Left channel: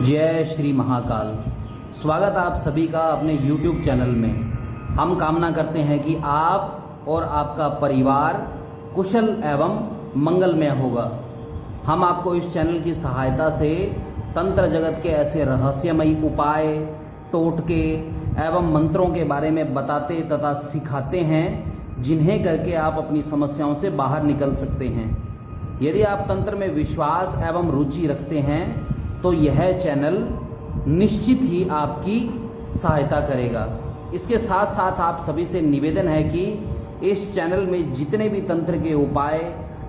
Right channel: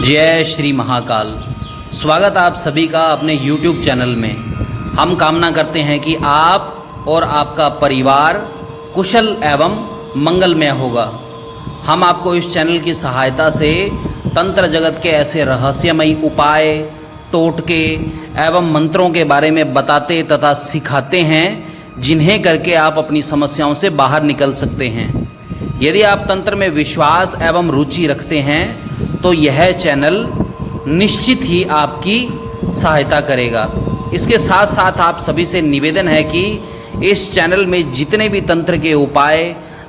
जय श्री महाकाल। स्वागत आप सभी का अपने YouTube चैनल में। हम कामना करते हैं कि आप और आपका परिवार कुशल एवं मंगलमय होगा। हम आपको इस चैनल की सहायता से तंत्र जगत के ऐसे रहस्यमयी उपाय, टोटके एवं मंत्रों के बारे में बताते तथा सिखाते हैं जिन्हें करके आप अपनी समस्याओं से बाहर निकल सकते हैं। यदि आप तंत्र में विश्वास एवं रुचि रखते हैं तो यह चैनल निश्चित ही आपकी सहायता करेगा। इसके साथ साथ आप सभी से निवेदन है कि इस चैनल में जितने भी तंत्र के उपाय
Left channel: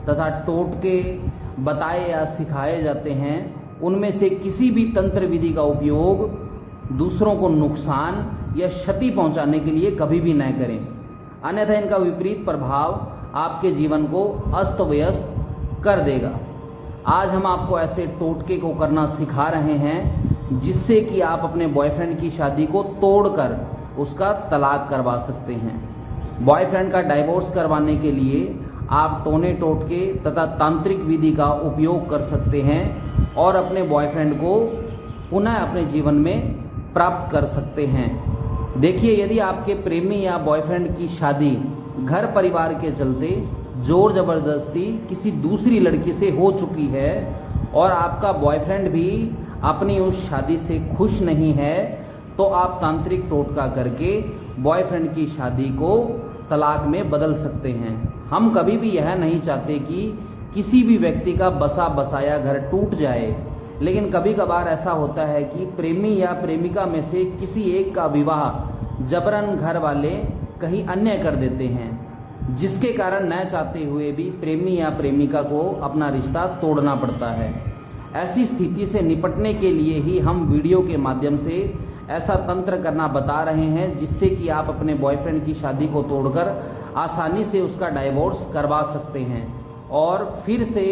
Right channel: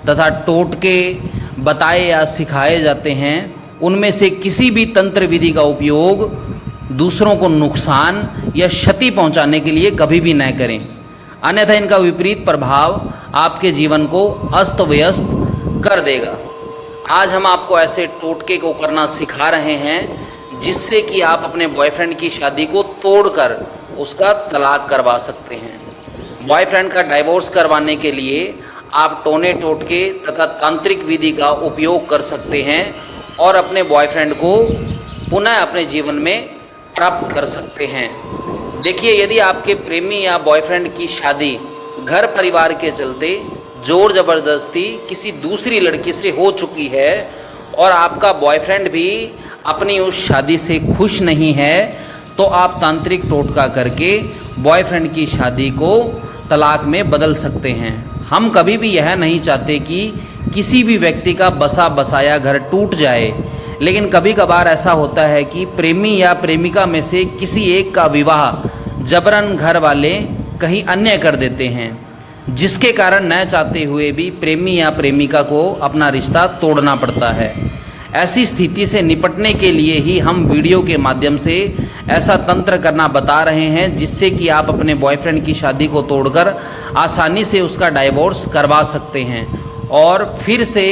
तथा टोटके बताए या सिखाए जाते हैं उनमें से किसी भी तंत्र विधि का उपयोग दूसरों को नुकसान या क्षति पहुंचाने के लिए कभी भी न करें, अन्यथा इनका विपरीत प्रभाव आपके जीवन को अस्त व्यस्त कर देगा। आज हम आपको ऐसे टोटके को करना सिखा रहे हैं जिससे कि आप अपने बॉयफ्रेंड की शादी को तोड़कर उसका तलाक करवा सकते हैं। बॉयफ्रेंड का डाइवोर्स करवाने के लिए आप टोने टोटके तथा तांत्रिक विधि का उपयोग कर सकते हैं और अपने बॉयफ्रेंड को पुनः अपने जीवन में प्राप्त कर सकते हैं। देखिए, यदि आपके प्रेमी या बॉयफ्रेंड की शादी घर परिवार के चलते जोर ज़बरदस्ती किसी दूसरी लड़की से हो चुकी है और आपका बॉयफ्रेंड भी अपनी उस शादी से खुश नहीं है, तो आप तांत्रिक टोटका करके बॉयफ्रेंड की शादी को तलाक में बदल सकते हैं। हम कभी भी यह नहीं चाहते कि किसी भी व्यक्ति का बसा बसाया घर टूट जाए, लेकिन कभी कभार ऐसा होता है कि प्रेमी या प्रेमिका में से किसी एक का विवाह जबरन घर वाले कहीं अन्य कर देते हैं, जिसके कारण न चाहते हुए भी प्रेमी या प्रेमिका को अपना रिश्ता तोड़ना पड़ता है। ऐसी स्थिति से निपटने के लिए ही हम वीडियो के माध्यम से ऐसा तंत्र करना बता रहे हैं जिससे कि आप अपने बॉयफ्रेंड की शादी को तोड़कर आसानी से उसका डाइवोर्स करवा सकते हैं और फिर से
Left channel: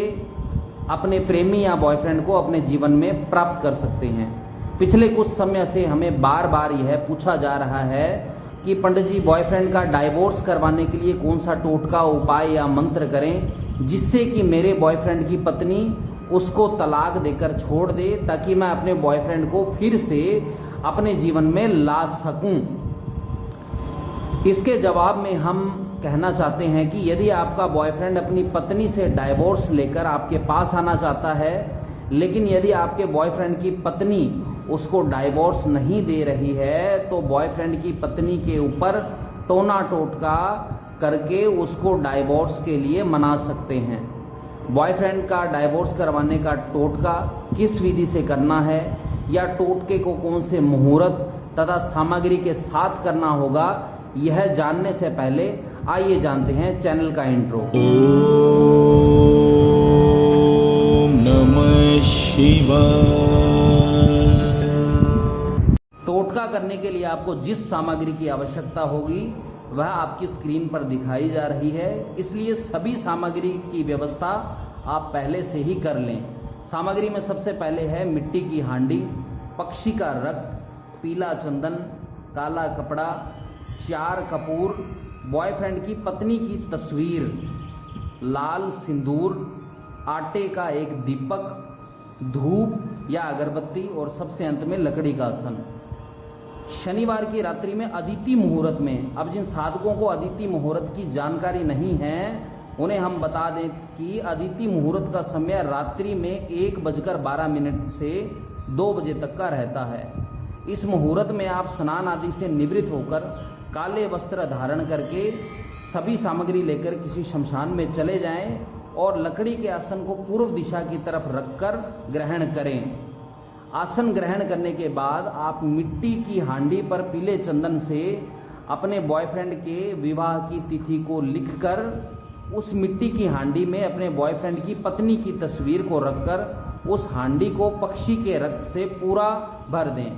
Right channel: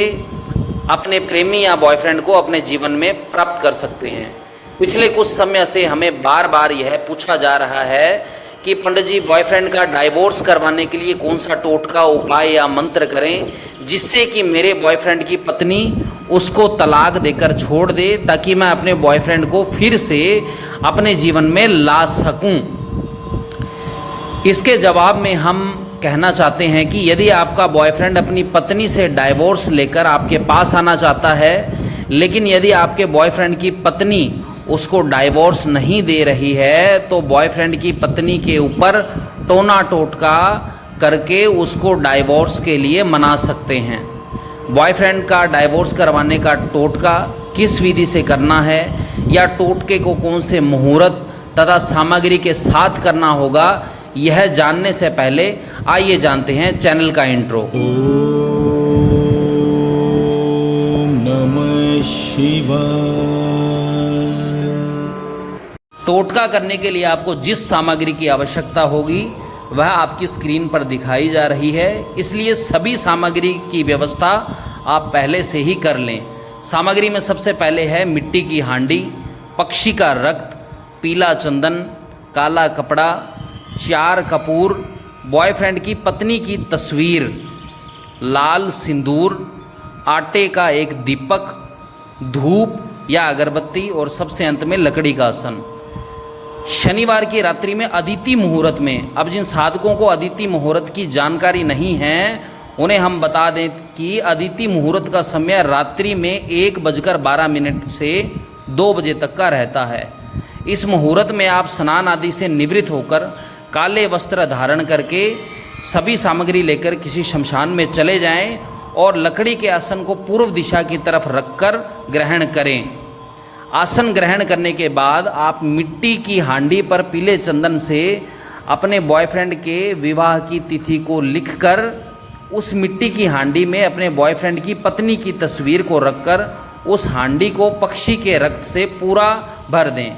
अपने प्रेमी या बॉयफ्रेंड को अपने जीवन में प्राप्त कर सकते हैं। पिछले कुछ समय से हमें बार बार यह पूछा जा रहा है कि पंडित जी, बॉयफ्रेंड का डाइवोर्स करवाने के लिए कौन सा टोटका उपाय या मंत्र करें जिससे कि मेरे बॉयफ्रेंड की पत्नी उसको तलाक देकर छोड़ दे, ताकि मैं अपने बॉयफ्रेंड को फिर से अपने जीवन में ला सकूं। इसके जवाब में हम कहना चाहते हैं कि यदि आपका बॉयफ्रेंड अपनी पत्नी से डाइवोर्स लेकर आपके पास आना चाहता है, लेकिन यदि आपके बॉयफ्रेंड की पत्नी उसको डाइवोर्स नहीं दे रही है, तो बॉयफ्रेंड की पत्नी के ऊपर टोना टोटका करके उसको डाइवोर्स के लिए मना सकते हैं। बॉयफ्रेंड का डाइवोर्स करवाने का टोटका किस विधि से करना है या टोटके को कौन से मुहूर्त तथा सामग्री के साथ करना होगा, यह जानने से पहले आइए जानते हैं चैनल का इंट्रो। ओम नमः शिवाय। टोटका करने के लिए आपको जिस सामग्री की आवश्यकता होगी वह आपकी स्क्रीन पर दिखाई जा रही है, इसलिए सभी सामग्री की व्यवस्था आप पहले से ही कर लें। सामग्री में सबसे पहले है मिट्टी की हांडी, पक्षी का रक्त, पीला चंदन, काला कपड़ा, 4 कपूर, बॉयफ्रेंड की पत्नी की तस्वीर, लाल सिंदूर, आटे का एक दीपक, धूप या अगरबत्ती और सबसे अंत में लकड़ी का आसन। शनिवार की रात्रि में अदिति मुहूर्त में, अब जिन साधकों को अदिति मुहूर्त की जानकारी नहीं है उन्हें हम बता दें कि अदिति मुहूर्त का समय रात्रि में 1:12 से 2 बजे तक का रहता है। इस मुहूर्त में आप स्नान आदि से निवृत्त होकर काले वस्त्र धारण करके सभी सामग्री लेकर किसी शमशान में चले जाएं और लकड़ी के आसन को पूर्व दिशा की तरफ रखकर ग्रहण करें। आसन ग्रहण करने के बाद आप मिट्टी की हांडी पर पीले चंदन से अपने बॉयफ्रेंड के विवाह की तिथि को लिखकर उस मिट्टी की हांडी में अपने बॉयफ्रेंड की पत्नी की तस्वीर को रखकर उस हांडी को पक्षी के रक्त से पूरा भर दें।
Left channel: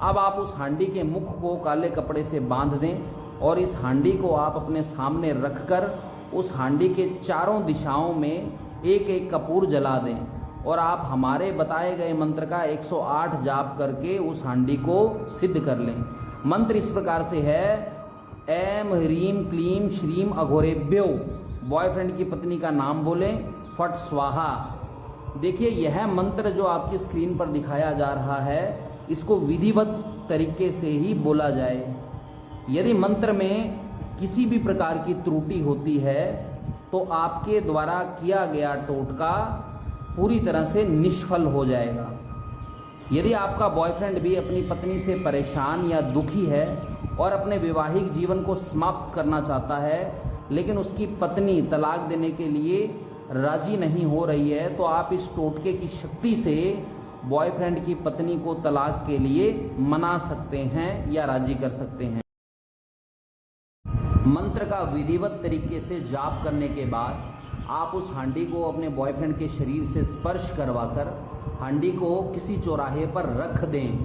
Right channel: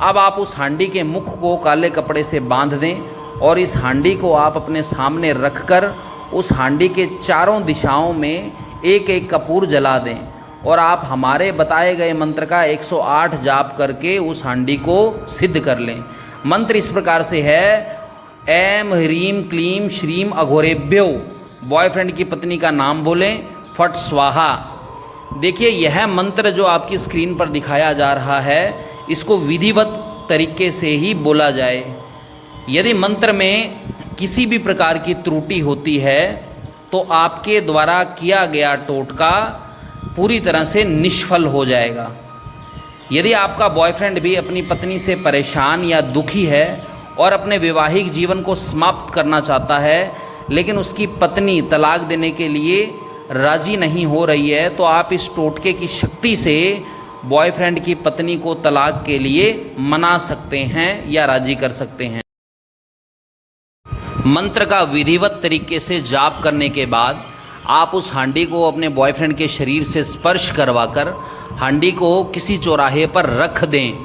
अब आप उस हांडी के मुख को काले कपड़े से बांध दें और इस हांडी को आप अपने सामने रखकर उस हांडी के चारों दिशाओं में एक एक कपूर जला दें और आप हमारे बताए गए मंत्र का 108 जाप करके उस हांडी को सिद्ध कर लें। मंत्र इस प्रकार से है, ऐम ह्रीम क्लीम श्रीम अघोरेभ्यो, बॉयफ्रेंड की पत्नी का नाम बोलें, फट स्वाहा। देखिए, यह मंत्र जो आपकी स्क्रीन पर दिखाया जा रहा है, इसको विधिवत तरीके से ही बोला जाए। यदि मंत्र में किसी भी प्रकार की त्रुटि होती है तो आपके द्वारा किया गया टोटका पूरी तरह से निष्फल हो जाएगा। यदि आपका बॉयफ्रेंड भी अपनी पत्नी से परेशान या दुखी है और अपने वैवाहिक जीवन को समाप्त करना चाहता है, लेकिन उसकी पत्नी तलाक देने के लिए राजी नहीं हो रही है, तो आप इस टोटके की शक्ति से बॉयफ्रेंड की पत्नी को तलाक के लिए मना सकते हैं या राजी कर सकते हैं। मंत्र का विधिवत तरीके से जाप करने के बाद आप उस हांडी को अपने बॉयफ्रेंड के शरीर से स्पर्श करवाकर हांडी को किसी चौराहे पर रख दें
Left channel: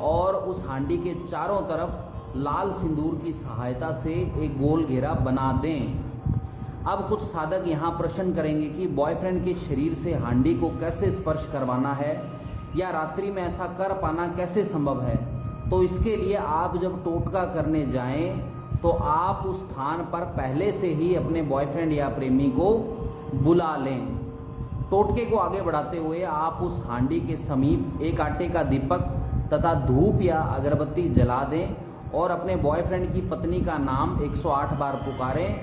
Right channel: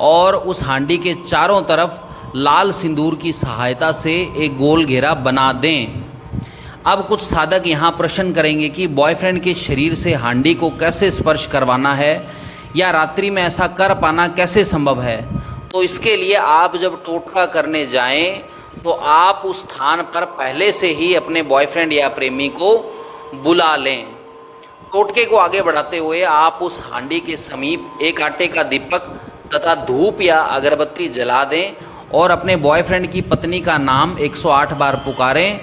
और उस हांडी के चारों तरफ लाल सिंदूर की सहायता से एक गोल घेरा बना दें। अब कुछ साधक यहाँ प्रश्न करेंगे कि बॉयफ्रेंड के शरीर से हांडी को कैसे स्पर्श करवाना है या रात्रि में ऐसा कर पाना कैसे संभव है। तो इसके लिए आप जब टोटका करने जाएं तो आप उस स्थान पर पहले से ही अपने बॉयफ्रेंड या प्रेमी को बुला लें। टोटके को आगे बढ़ाते हुए आप उस हांडी के समीप एक आटे का दीपक तथा धूप या अगरबत्ती जला दें और अपने बॉयफ्रेंड की पत्नी का नाम 108 बार पुकारें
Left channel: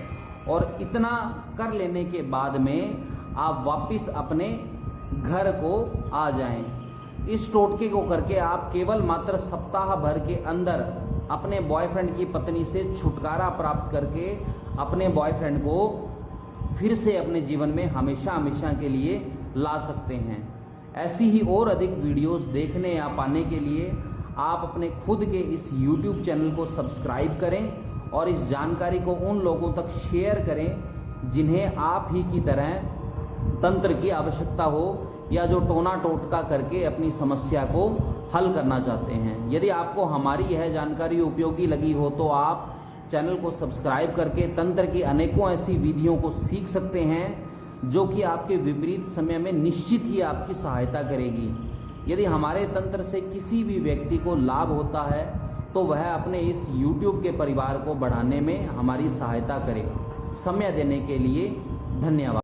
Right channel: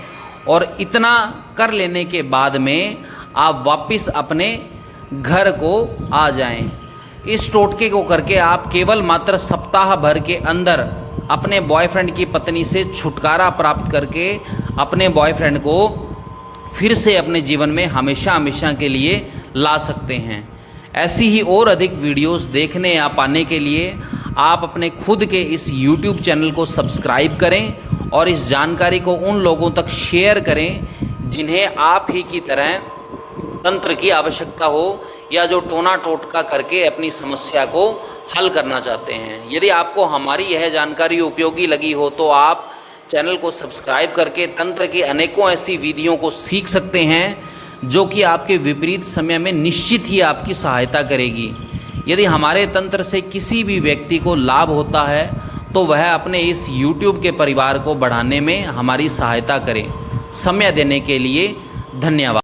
और इतना कर लेने के बाद में आप वापस अपने घर को आ जाएं। इस टोटके को करके आप केवल मात्र सप्ताह भर के अंदर अपने बॉयफ्रेंड की पत्नी से छुटकारा प्राप्त करके अपने बॉयफ्रेंड को फिर से अपने जीवन में हमेशा हमेशा के लिए ला सकते हैं। ऐसी ही और अधिक वीडियोस देखने या पाने के लिए आप अपने खुद के इस YouTube चैनल को सब्सक्राइब करें और इस जानकारी को उन लोगों तक शेयर करें जिन्हें आप ही की तरह तंत्र की आवश्यकता हो या जो टोना टोटका करके अपनी समस्या को हल करना चाहते हैं। यदि आपको हमारी यह जानकारी उपयोगी लगी हो तो आप चैनल को सब्सक्राइब करके तंत्र की अनेकों ऐसी विधियों को सीख सकते हैं जो कि आपके विपरीत समय में निश्चित ही आपकी सहायता करेगी। यदि हमारे तंत्र से किसी भी व्यक्ति को लाभ होता है तो वह अपने इस YouTube के परिवार को बढ़ाने में हमारी सहायता करे। समय देने के लिए धन्यवाद।